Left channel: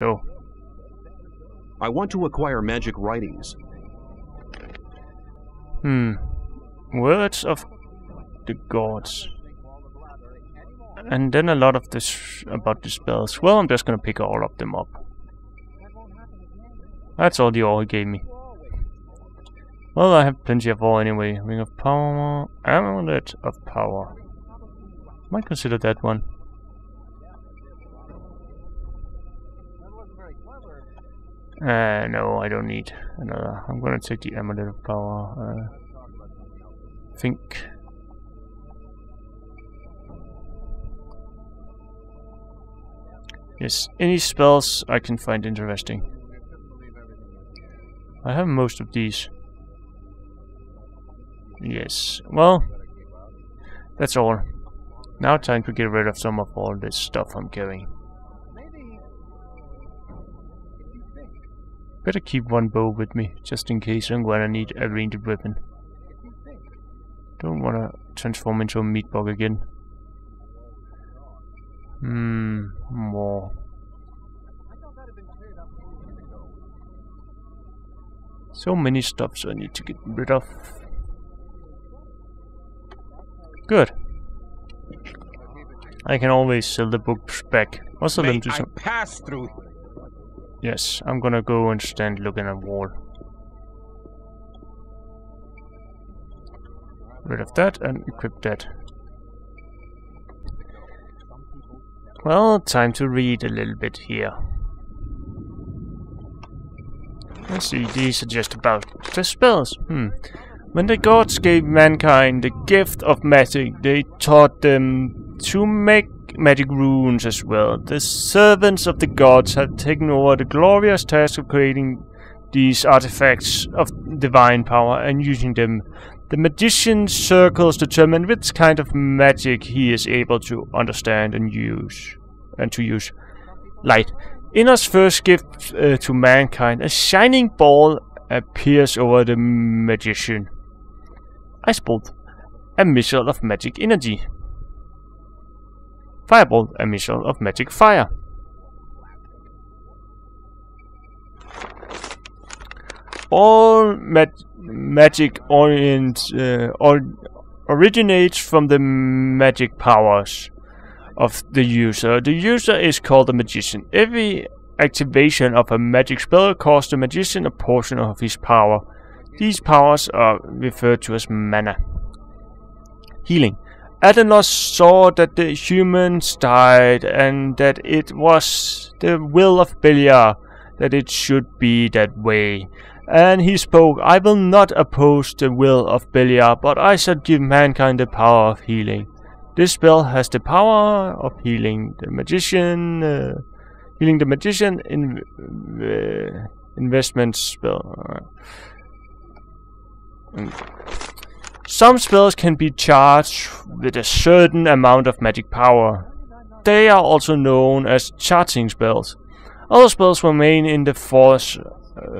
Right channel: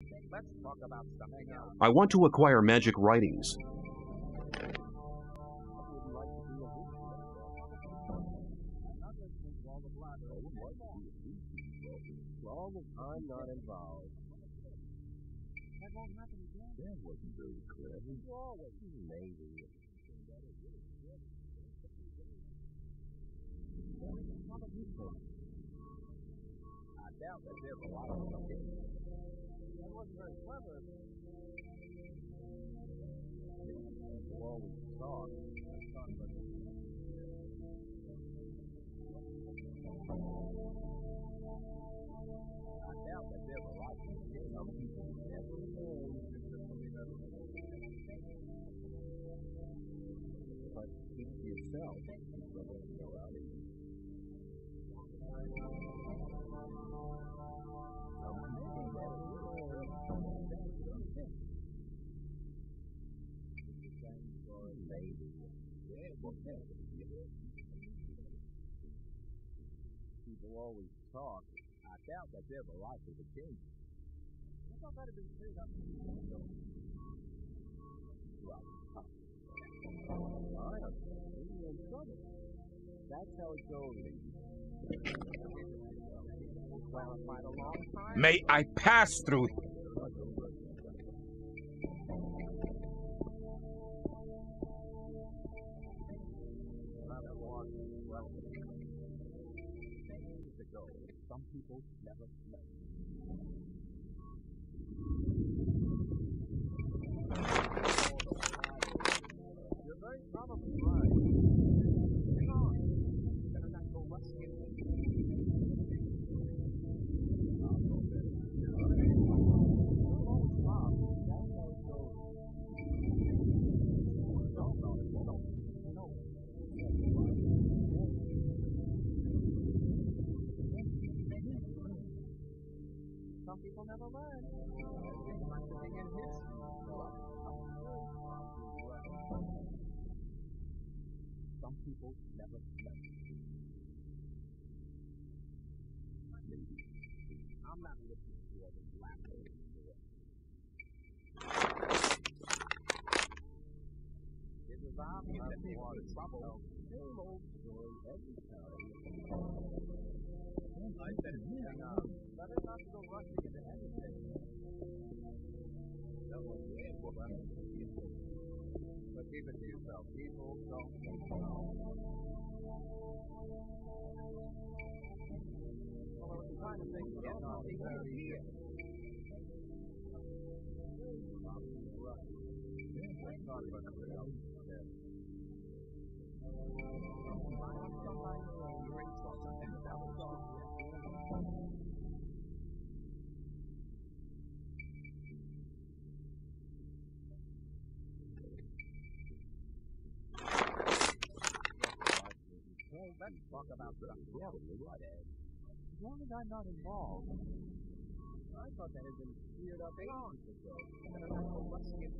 So. I want to acquire magic writings. Words of the gods. And then a lot of this about the spells. Well, I'm just gonna pick all of them up. That's all the ore he gave me. Well, I have plenty of ore anyway. Ring of Power, Amulet of Power. Might consider that one. No, I don't need another. I'm gonna take the Amulet of Power. Think. Yes, any spells I can find interesting. I have most of these. Yes, well, that's all. Now time to get rid of some of all this stuff I'm carrying. Better keep one bow with me, just in case I'm gonna need a ranged weapon. Don't wanna transform into a meat bug again. More. So many stuffs I need to get rid of. Good. I can always sell the books back. Also, May I pass through? Yes, I'm gonna go and stand looking at the wall. Rid of that and equip that. Well, time to read a little bit here. Let's see, these are just about the spells. When the gods gave mankind the gift of magic, they taught them to make magic runes as well. The servants of the gods had taken over the glorious task of creating these artifacts of divine power and using them. The magician's circles determine which kind of magic he is able to understand and use. Light. Inna's first gift to mankind, a shining ball appears over the magician. Ice bolt, a missile of magic energy. Firebolt, a missile of magic fire. All magic originates from the magic powers of the user. The user is called a magician. Every activation of a magic spell costs the magician a portion of his power. These powers are referred to as mana. Healing. Adenos saw that the humans died and that it was the will of Beliar that it should be that way. And he spoke, I will not oppose the will of Beliar, but I shall give mankind the power of healing. This spell has the power of healing the magician. Investment spell. Some spells can be charged with a certain amount of magic power. They are also known as charging spells. Other spells remain in the force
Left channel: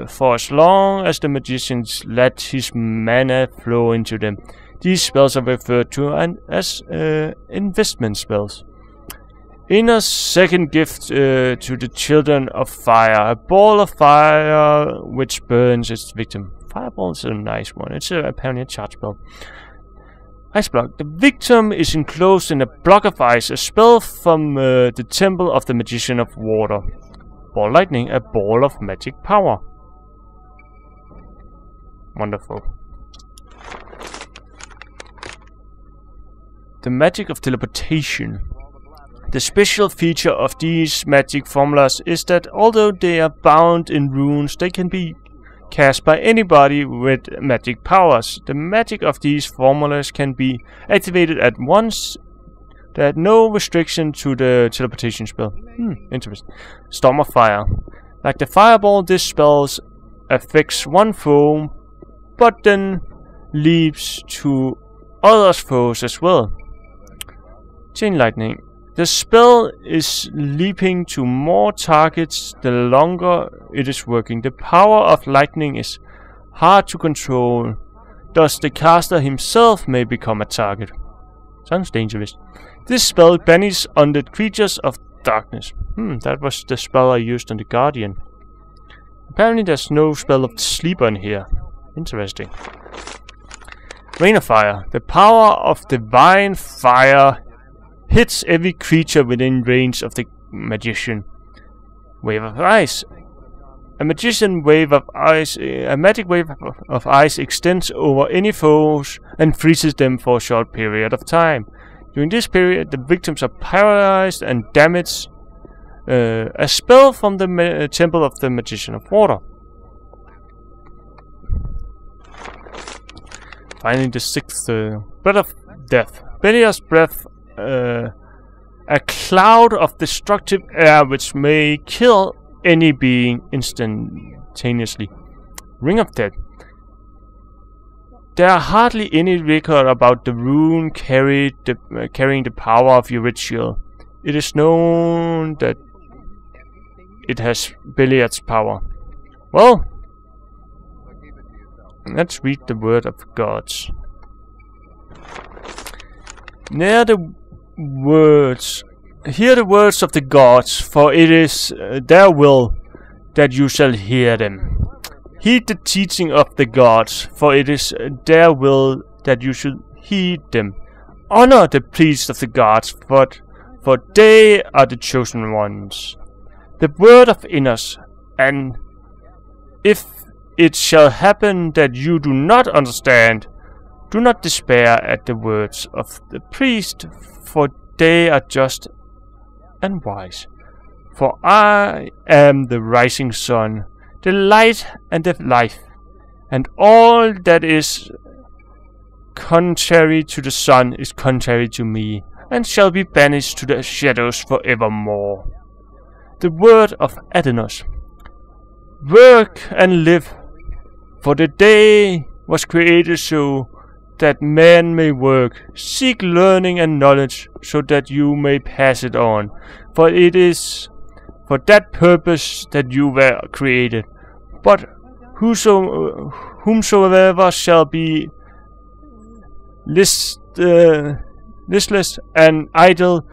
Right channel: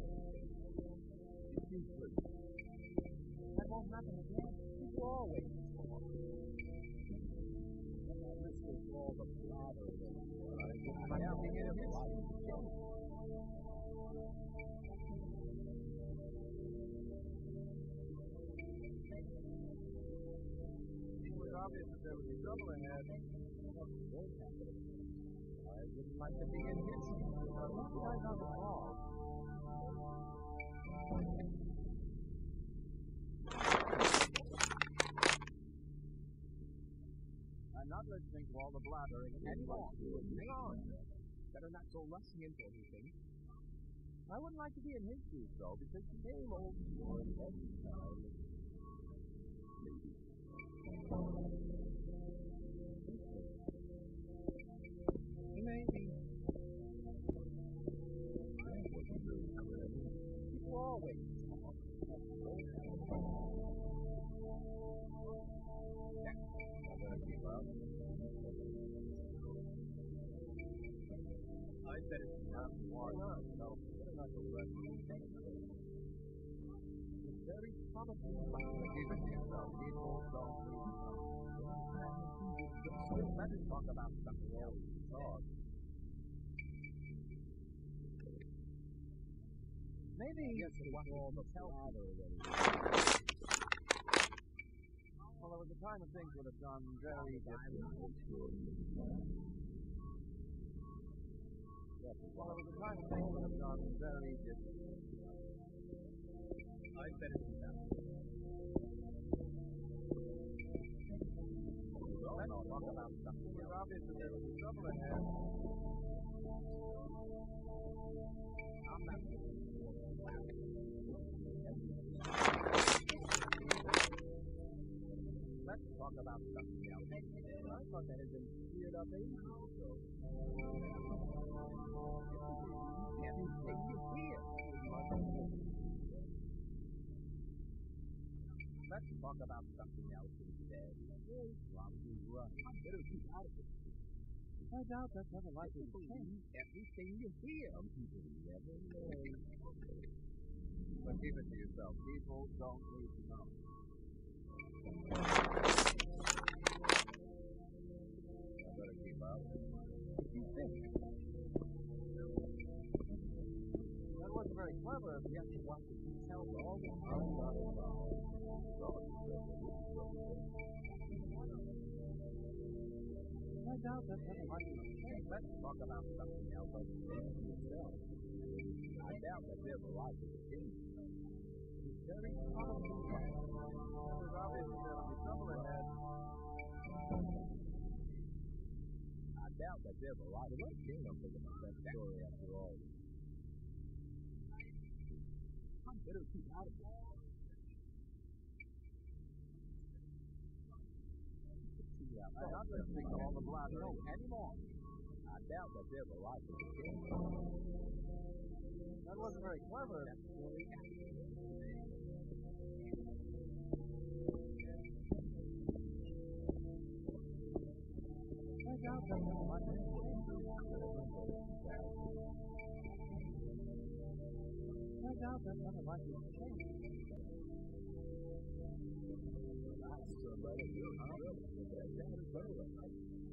for as long as the magician let his mana flow into them. These spells are referred to as investment spells. Inna's second gift to the children of fire, a ball of fire which burns its victim. Fireball is a nice one. It's apparently a charge spell. Ice block. The victim is enclosed in a block of ice, a spell from the temple of the magician of water. Ball lightning, a ball of magic power. Wonderful. The magic of teleportation. The special feature of these magic formulas is that although they are bound in runes, they can be cast by anybody with magic powers. The magic of these formulas can be activated at once. There are no restriction to the teleportation spell. Interesting. Storm of Fire. Like the fireball, this spell affects one foe, but then leaps to others' foes as well. Chain Lightning. The spell is leaping to more targets the longer it is working. The power of lightning is hard to control, thus the caster himself may become a target. Sounds dangerous. This spell banishes undead creatures of darkness. That was the spell I used on the Guardian. Apparently there's no spell of the Sleeper in here. Interesting. Rain of Fire. The power of divine fire hits every creature within range of the magician. Wave of Ice. A magic wave of ice extends over any foes and freezes them for a short period of time. During this period, the victims are paralyzed and damaged. A spell from the Temple of the Magician of Water. Finally, the 6th, Breath of Death. Beliar's breath, a cloud of destructive air which may kill any being instantaneously. Ring of Death. There are hardly any record about the rune carrying the power of your ritual. It is known that it has Beliar's power. Well, let's read the word of gods. Hear the words of the gods, for it is their will that you shall hear them. Heed the teaching of the gods, for it is their will that you should heed them. Honor the priests of the gods, for they are the chosen ones. The word of Innos, and if it shall happen that you do not understand, do not despair at the words of the priest, for they are just and wise. For I am the rising sun, the light and the life, and all that is contrary to the sun is contrary to me, and shall be banished to the shadows forevermore. The word of Adenos. Work and live, for the day was created so that man may work. Seek learning and knowledge, so that you may pass it on. For it is for that purpose that you were created. But whomsoever shall be listless and idle,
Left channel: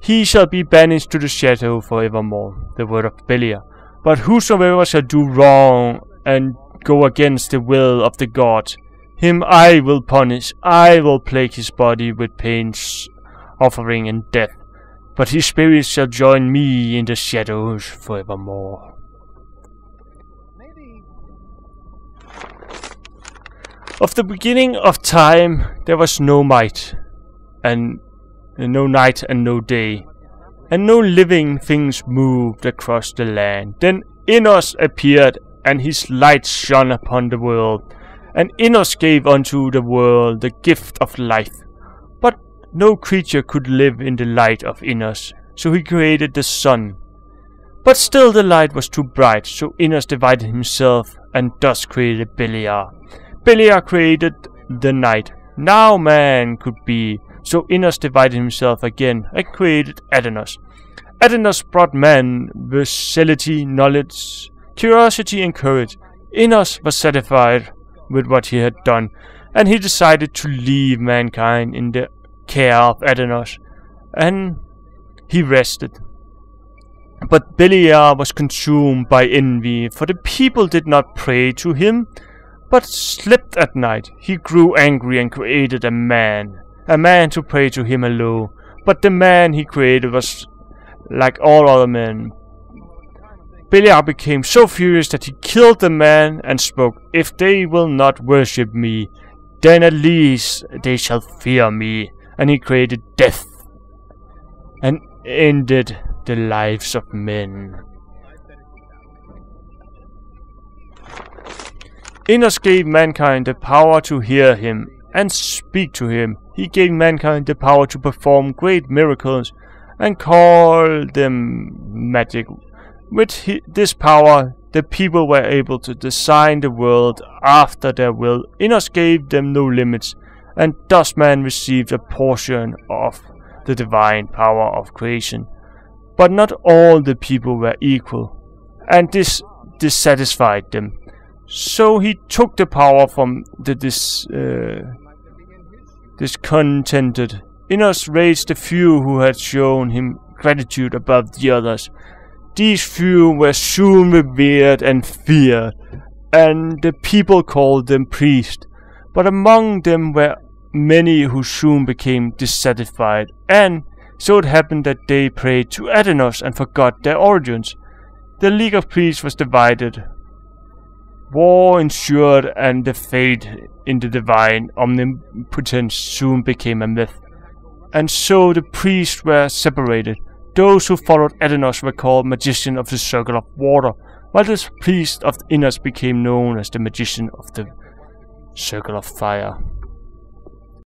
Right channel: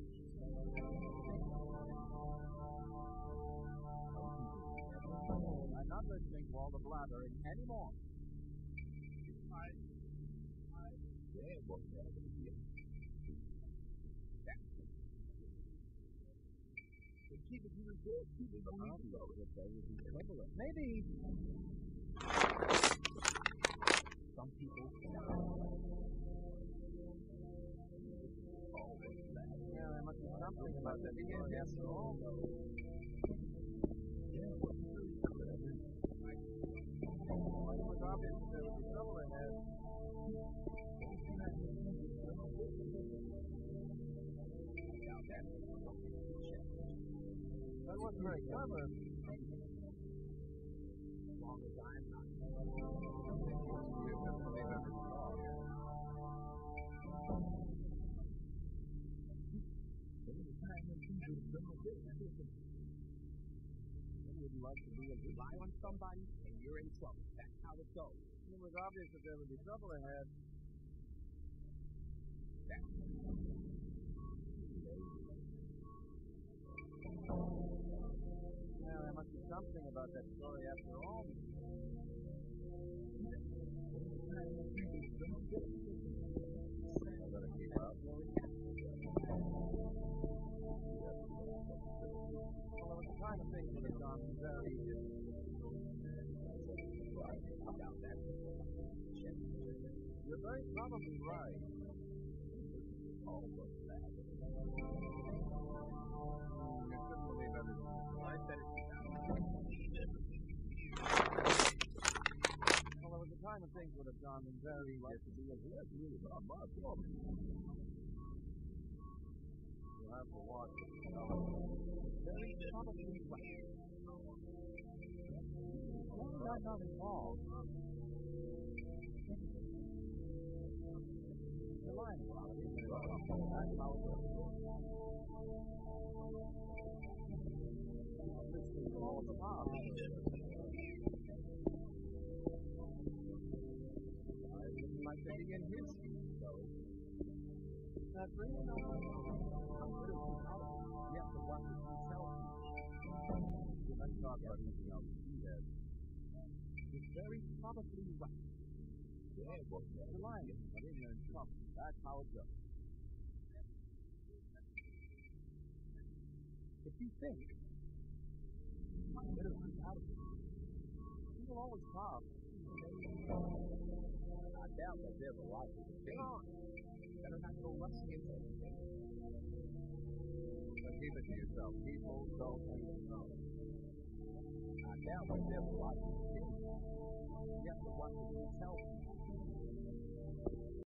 he shall be banished to the shadow forevermore. The word of Beliar. But whosoever shall do wrong and go against the will of the gods, him I will punish. I will plague his body with pains, offering, and death. But his spirit shall join me in the shadows forevermore. Of the beginning of time there was no might, and no night and no day, and no living things moved across the land. Then Innos appeared, and his light shone upon the world. And Innos gave unto the world the gift of life. But no creature could live in the light of Innos, so he created the sun. But still the light was too bright, so Innos divided himself, and thus created Beliar. Beliar created the night. Now man could be, so Innos divided himself again, and created Adenos. Adenos brought man versatility, knowledge, curiosity, and courage. Innos was satisfied with what he had done, and he decided to leave mankind in the care of Adenos, and he rested. But Beliar was consumed by envy, for the people did not pray to him, but slept at night. He grew angry and created a man to pray to him alone. But the man he created was like all other men. Beliar became so furious that he killed the man and spoke, "If they will not worship me, then at least they shall fear me." And he created death and ended the lives of men. Innos gave mankind the power to hear him and speak to him. He gave mankind the power to perform great miracles and call them magic. With this power, the people were able to design the world after their will. Innos gave them no limits, and thus man received a portion of the divine power of creation. But not all the people were equal, and this dissatisfied them. So he took the power from the discontented. Innos raised the few who had shown him gratitude above the others. These few were soon revered and feared, and the people called them priests. But among them were many who soon became dissatisfied, and so it happened that they prayed to Athenos and forgot their origins. The League of Priests was divided. War ensued, and the faith in the divine omnipotence soon became a myth. And so the priests were separated. Those who followed Athenos were called magicians of the circle of water, while the priest of Innos became known as the magician of the circle of fire.